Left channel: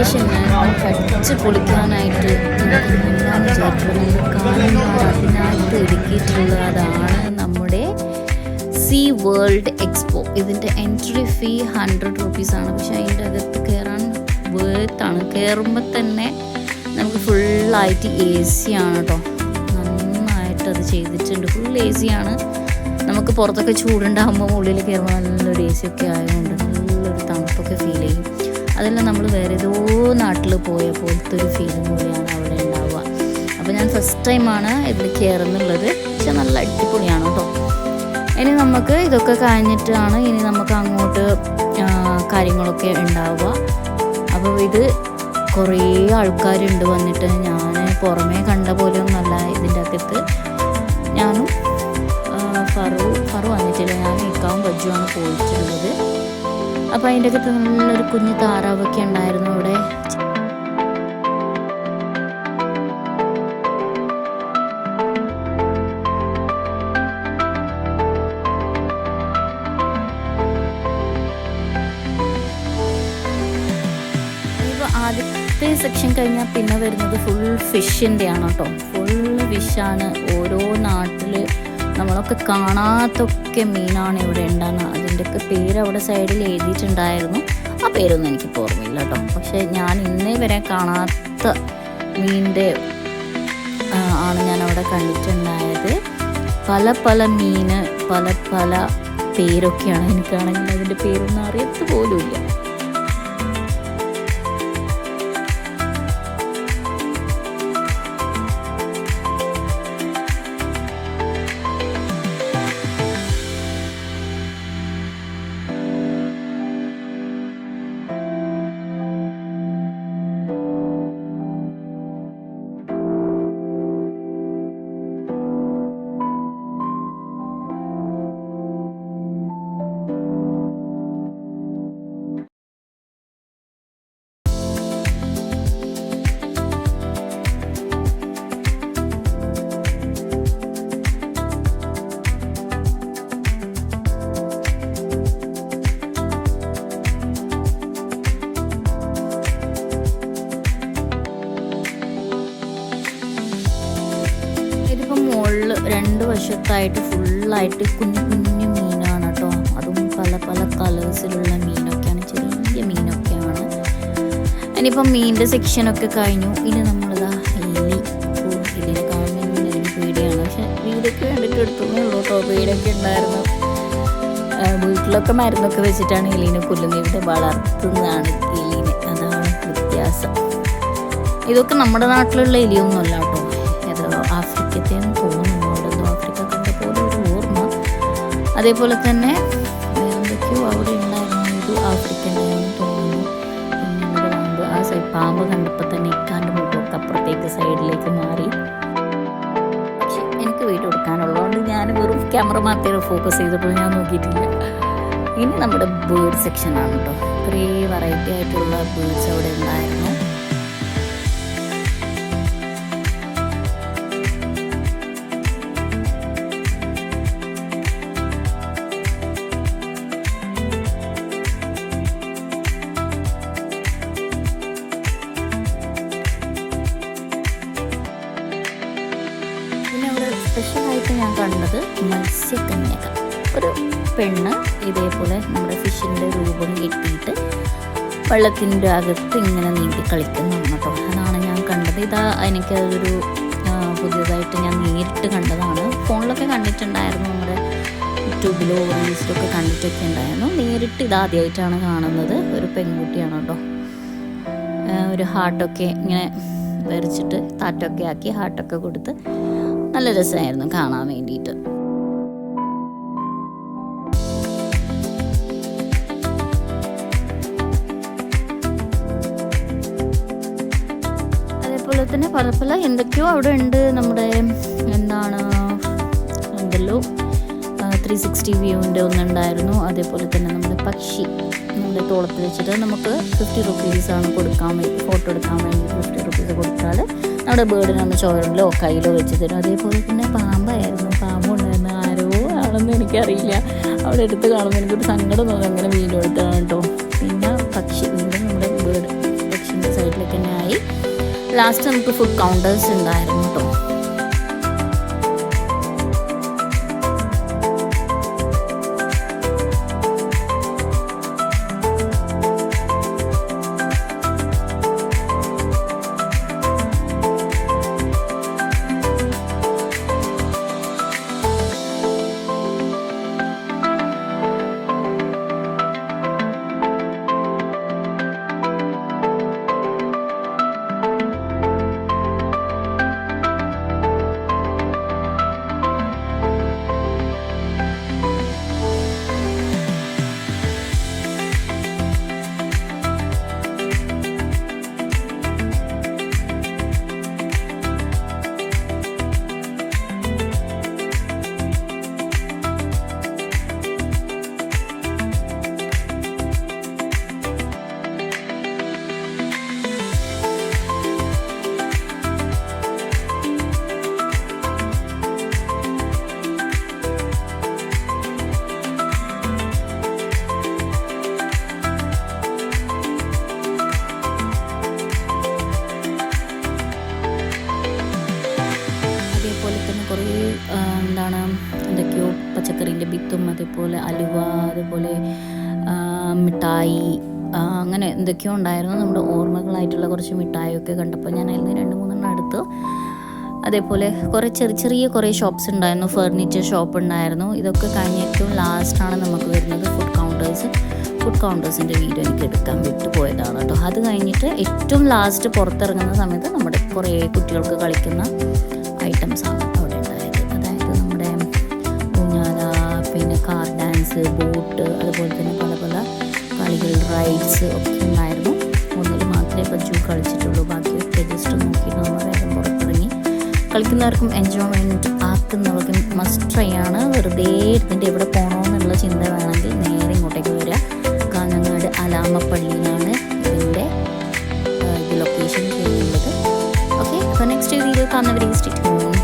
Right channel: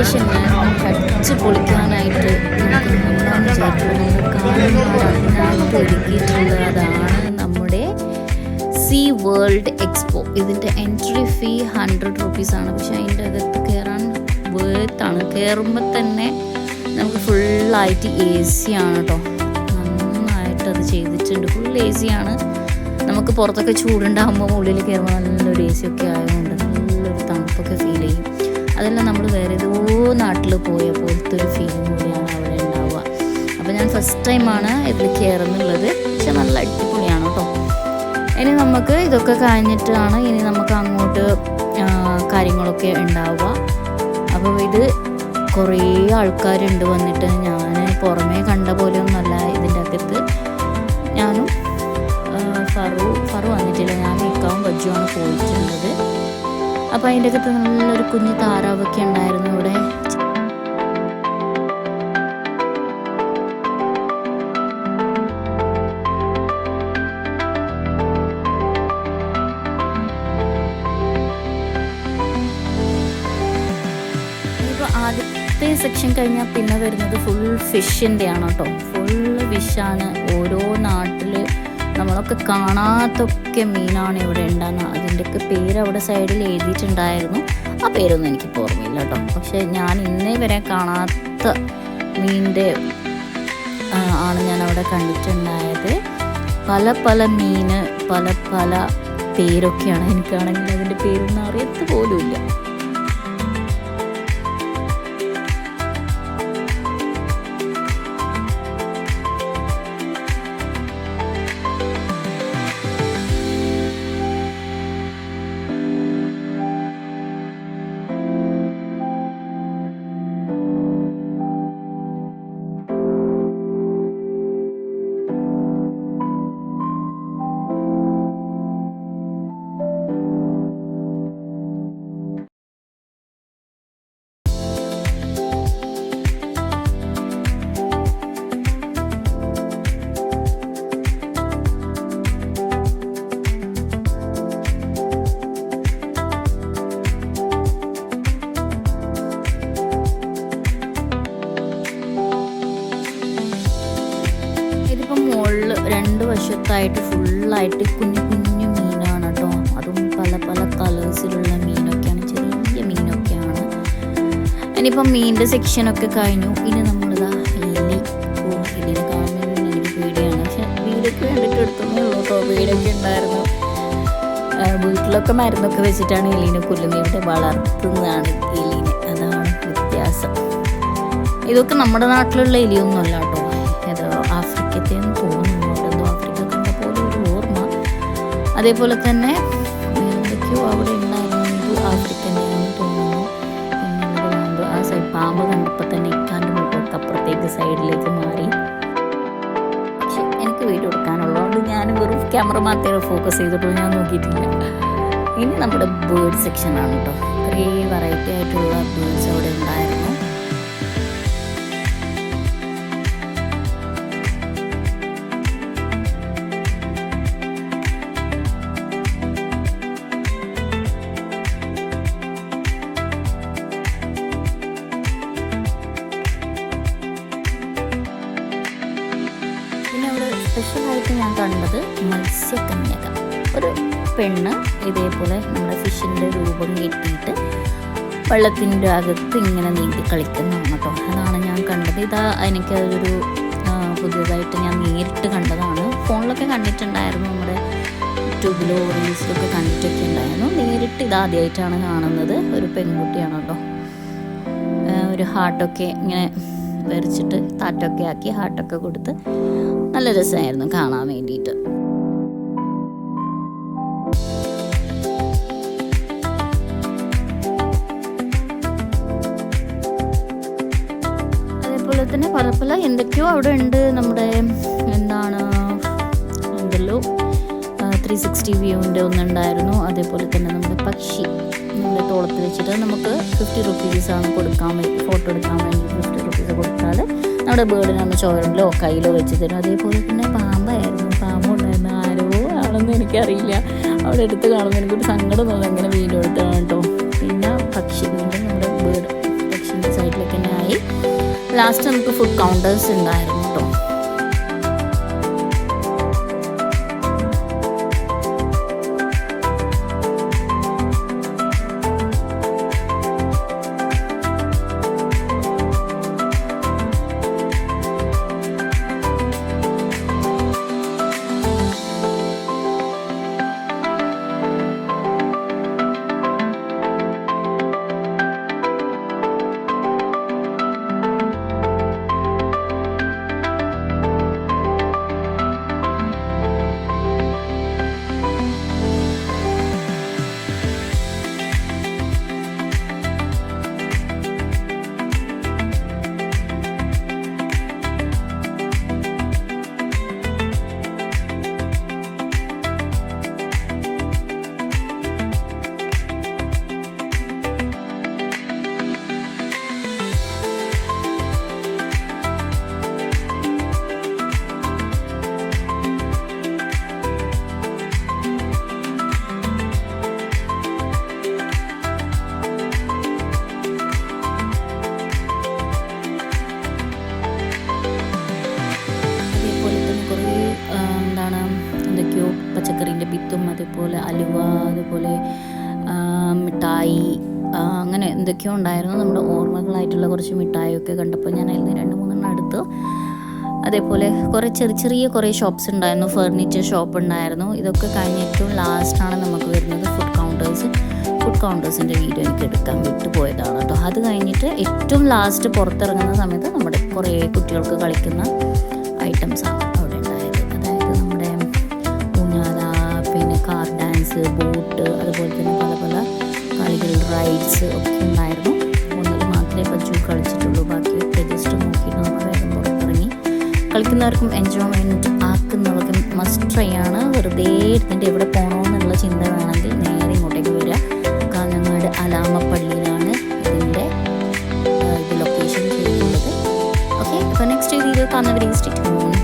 വെക്കേഷന് അടിച്ച് പൊളിക്കാനായിട്ട് നമുക്ക് മുന്നാന്ന് വിചാരിക്കും. നമ്മുടെ കാണുന്നവർ അതിനായിട്ട് ഒരുക്കിയിട്ടുള്ളതാണ് നമ്മുടെ സീ വേൾഡ് എക്സ്പോ. ഇതിൻ്റെ എൻട്രി ഫീ 100 റുപ്പീസാണ്. പക്ഷെ അതിൻ്റെ അകത്ത് കയറാൻ വേർത്താണ്. കയറുമ്പോൾ തന്നെ നമുക്ക് ഫുള്ളായിട്ട് AC ആണ് കേട്ടോ. നന്നായിട്ട് അത് ചെയ്തിട്ടുണ്ട്. ഫുൾ AC ആണ്. നമുക്ക് പുറത്തൊക്കെ ചൂടുണ്ടാകുമ്പോൾ ഉള്ളിൽ കയറുമ്പോൾ നല്ലൊരു AC ഒക്കെ ആയതുകൊണ്ട് നല്ലൊരു തണുപ്പൊക്കെ ഫീൽ ചെയ്യും. അതെല്ലാം നമ്മൾ വേറെ ഏതോ നാട്ടിൽ പോയ പോലത്തെ ഒരു ഫീലിംഗ് കൂടിയാണ് അവിടെ ഉണ്ടാവുക. അപ്പോൾ ഞാൻ ഫസ്റ്റ് ടൈമാണ് ഇതിൽ കയറുന്നുള്ളത്. പക്ഷെ നല്ല അടിപൊളിയാണ് കേട്ടോ. ഇനി നമുക്ക് ഇതൊക്കെ കഴിഞ്ഞിട്ടാണ് ഇനി നമുക്ക് അങ്ങോട്ട് കാര്യങ്ങളൊക്കെ ഉണ്ടാവുക. അപ്പോൾ ഇത് കുറേ ആൾക്കാരുണ്ട് വന്നിട്ട്. ഞാൻ പുറമേ കണ്ട പോലെയൊന്നുമല്ല ഇതിൻ്റെ അകത്ത്. ഞാനും ഫറു വന്നിട്ടില്ല. ഞാനും ഇക്കാവും ബജ്ജുമാണ് പോയിട്ടുള്ളത്. അപ്പോൾ അതിൻ്റെ അകത്ത് നല്ലൊരു കുഞ്ഞ് താറാവൊക്കെ ഉണ്ടായിരുന്നു അവിടെ. ഇപ്പോൾ ആദ്യത്തെ സെക്ഷൻ കഴിഞ്ഞാൽ പിന്നെ വരുന്നത് ഫുൾ ഫിഷിൻ്റെ ആണ് കേട്ടോ. ഫുള്ള് ഫിഷാണ്. ഓരോ നാട്ടിൽ നമ്മളൊക്കെ കാണാത്തൊക്കെ മീനാണ് ഇവിടെ ഉണ്ടാകുന്നത്. അതിൻ്റെയൊക്കെ പേര് അവിടെ സൈഡിൽ എഴുതിയിട്ടുണ്ടായിരുന്നു. ആ പേരൊന്നും എനിക്കിപ്പോൾ ഓർമ്മയില്ല കേട്ടോ. പക്ഷേ ഞാൻ ഇന്നേ വരെ കാണാത്ത മീനിൻ്റെ ആണ് ഞാൻ അവിടെ കണ്ടിട്ടുണ്ടായത്. പല പല മീന് പല പല പേരൊക്കെയാണ്. എനിക്കാണെങ്കിൽ അതിൻ്റെ പേരൊന്നും അറിയത്ത് പോലുമില്ല. ഇതിപ്പം മുകളിൽ 2 വശത്തായിട്ട് ഫുള്ളായിട്ട് കുഞ്ഞു കുഞ്ഞു മീനാണ് കേട്ടോ. അതും പല പല കളേഴ്സിലുള്ള മീനൊക്കെയാണ്. ചെറിയ മീനൊക്കെയാണ്. ഇനിയിപ്പം മീനിൻ്റെ സെക്ഷനൊക്കെ കഴിഞ്ഞു. ഇനി നമ്മളിതാ എലിനെ കാണുമ്പോൾ എനിക്ക് പേടിയാണ്. പക്ഷെ വീടൊക്കെ വേണ്ടിയിട്ട് എടുത്തതേ ഉള്ളൂ കേട്ടോ. പേടിയൊക്കെ ഉണ്ടായിരുന്നു. വീട്ടിലൊക്കെ മരുന്നൊക്കെ വെച്ചിട്ടാണ് എലീനെ കൊല്ലുന്നത്. ഇവിടെ വളർത്തുന്നതാണ് എലീനെ. അതാണ് വ്യത്യാസം. ഇതൊക്കെ നമ്മുടെ നാട്ടിലുള്ള എലിയൊന്നുമല്ല കേട്ടോ. ഇത് ആഫ്രിക്കത്തേന്ന് തോന്നുന്നു. അവിടെ എന്തോ ആഫ്രിക്ക കണ്ട പോലെ ഒരു ഓർമ്മ. അതേപോലെ തന്നെ വേറെന്തൊക്കെയോ അവിടെ ഉണ്ടായിരുന്നു. ഇത് ആഫ്രിക്കൻ്റെയാണെന്ന് തോന്നുന്നു. പിന്നെയുള്ളത് പാമ്പ്. ആ പാമ്പ് കണ്ടപ്പോൾ തന്നെ ഇക്കാൻ്റെ മുഖമൊക്കെ അപ്പുറത്തേക്ക് സൈഡിലേക്ക് മാറി. പക്ഷെ എനിക്ക് വീഡിയോ എടുക്കാനുള്ളതുകൊണ്ട് ഞാൻ വെറും ക്യാമറ മാത്രമേ ഫോക്കസ് ചെയ്തിട്ടുള്ളൂ. ഞാൻ നോക്കിയിട്ടില്ല. ഇനി നമ്മുടെ ബേർഡ് സെക്ഷനാണ് കേട്ടോ. കുറേ വെറൈറ്റി ആയിട്ടുള്ള ബേർഡ്സ് അവിടെ ഉണ്ടായിരുന്നു. പിന്നെ അവിടെ സ്പെഷ്യലായിട്ട് ഞാൻ കണ്ടത് മത്സ്യകന്യക. ഒരു പെണ്ണ് ഇതേപോലെ നമ്മുടെ ഫിഷിൻ്റെ രൂപം കെട്ടിയിട്ട് വെള്ളത്തിൻ്റെ അകത്ത് ഇങ്ങനെ നീന്തി കളിക്കുന്നതാണ് കേട്ടോ. അതാണ് ഞാൻ കണ്ടത്. എനിക്കതൊരു പുതിയതായിട്ട് ഞാൻ നേരിട്ട് കണ്ടതാണ്. ഫോണിലൊക്കെ കണ്ടിട്ടുണ്ടായിരുന്നു. നമ്മുടെ യൂട്യൂബിലോ റീൽസിലൊക്കെ കണ്ടിട്ടൊക്കെ ഉണ്ടായിരുന്നു. നേരിട്ട് ഇതാദ്യമായിട്ടാണ് കാണുന്നത്. ഒരു പെൺകുട്ടിയാണ് കേട്ടോ. ഒരു ഹാർട്ടൊക്കെ ഇങ്ങനെ വരച്ചിട്ട് താറ്റൊക്കെ ആക്കി ഹാർട്ടൊക്കെ കൊടുത്ത് നല്ല രസമായിരുന്നു കാണാൻ വേണ്ടിയിട്ട്. അതേപോലെ തന്നെ പല പല എന്തൊക്കെയോ അവിടെ ഉണ്ട്. നമ്മുടെ എന്തെല്ലോ 360 വ്യൂവിൻ്റെ ഒന്നുണ്ടായിരുന്നു. അതേപോലെ തന്നെ നമ്മുടെ പക്ഷി നമ്മുടെ തോളത്ത് വെച്ചിട്ട് നമുക്ക് 50 റുപ്പീസാണ് കൊടുക്കാൻ വേണ്ടി, ഫോട്ടോ എടുക്കാൻ വേണ്ടി 50 റുപ്പീസ് കൊടുത്താൽ നമ്മുടെ ബേർഡിനൊന്ന് ചോരലോ കയ്യിലോ വെച്ച് തരും. അതേപോലെ തന്നെ പാമ്പായിരുന്നു. പാമ്പുണ്ടായിരുന്നു. ആരോ ആണെന്ന് എനിക്കറിയില്ല. അവിടെ എടുത്ത് കാണുമ്പോൾ എനിക്കൊരു സങ്കടം തോന്നുന്നു. എങ്ങനെ വീഡിയോ എടുത്താണ് കേട്ടോ. പിന്നെ പക്ഷി, വീണ്ടും നമ്മുടെ ബേർഡ് പക്ഷീൻ്റെ ലാസ്റ്റ് നമുക്ക് ഫുഡ് കൗണ്ടേഴ്സ് ഉണ്ടായിരുന്നു കേട്ടോ. അതേപോലെ തന്നെ കുറേ എന്തൊക്കെയോ പച്ചക്കറീൻ്റെ വിത്തും, അതേപോലെ അലുവ, അതേപോലെ മിഠായി, അങ്ങനെ എന്തൊക്കെയോ ഉണ്ടായിരുന്നു. നമ്മുടെ ഓർമ്മകളായിട്ടുള്ള കുറച്ച് മിഠായിയൊക്കെ കണ്ടപ്പോൾ ഞാൻ അതിൽ നിന്ന് 2-3 എടുത്തു. അതേപോലെ കുറേ ചെറിയ കുറേ ഷോപ്സ് ഉണ്ടായിരുന്നു, ഫർണിച്ചർ ഷോപ്പ് ഉണ്ടായിരുന്നു. ഇതൊക്കെ കഴിഞ്ഞ് ഏറ്റവും ലാസ്റ്റാണ് നമുക്ക് വരുന്നത് ഫുഡ് കൗണ്ടേഴ്സിൻ്റെ വീഡിയോ എനിക്ക് എടുക്കാൻ വിട്ടുപോയതാണ് കേട്ടോ. അത് കഴിഞ്ഞിട്ട് ഏറ്റവും ലാസ്റ്റ് പുറത്തിറങ്ങുന്ന സമയത്ത് നമ്മുടെ കുറേ കുട്ടികൾക്ക് കളിക്കുന്ന ഐറ്റംസാണ് അവിടെ ഉണ്ടായത്. അതായത് നമ്മുടെ ഊഞ്ഞാല, പിന്നെ കാർ ഡാൻസ്, ബോട്ട്, അതുപോലെ തന്നെ പല പല കളികൾ, റൈഡ്സ് ഒക്കെ ഉണ്ടായിരുന്നു. ഒന്നിൽ മാത്രമേ ബജ്ജു കളിച്ചിട്ടുള്ളൂ, ബാക്കിയൊക്കെ ജസ്റ്റ് നോക്കിയിട്ട് നമ്മൾ വേഗം പുറത്തിറങ്ങി. കളിക്കുന്നവർക്കും എൻജോയ്മെൻറ്റ് ആക്കുന്നവർക്കും മസ്റ്റ് ട്രൈ ആണ്. വെറുതെ ഇരുന്നിട്ട് എവിടെ പോകണമെന്നുള്ള ചിന്ത വേണമെങ്കിൽ നേരെ ഇങ്ങോട്ടേക്ക് വരിക. കാഞ്ഞങ്ങാട് അലാമപ്പള്ളിയിലാണ് ഇതിൻ്റെ ലൊക്കേഷൻ ചെയ്യുന്നത്. ഓക്കെ, അപ്പോൾ നെക്സ്റ്റ് വീഡിയോ കാണുന്നവരെ സ്റ്റേ ട്യൂൺ.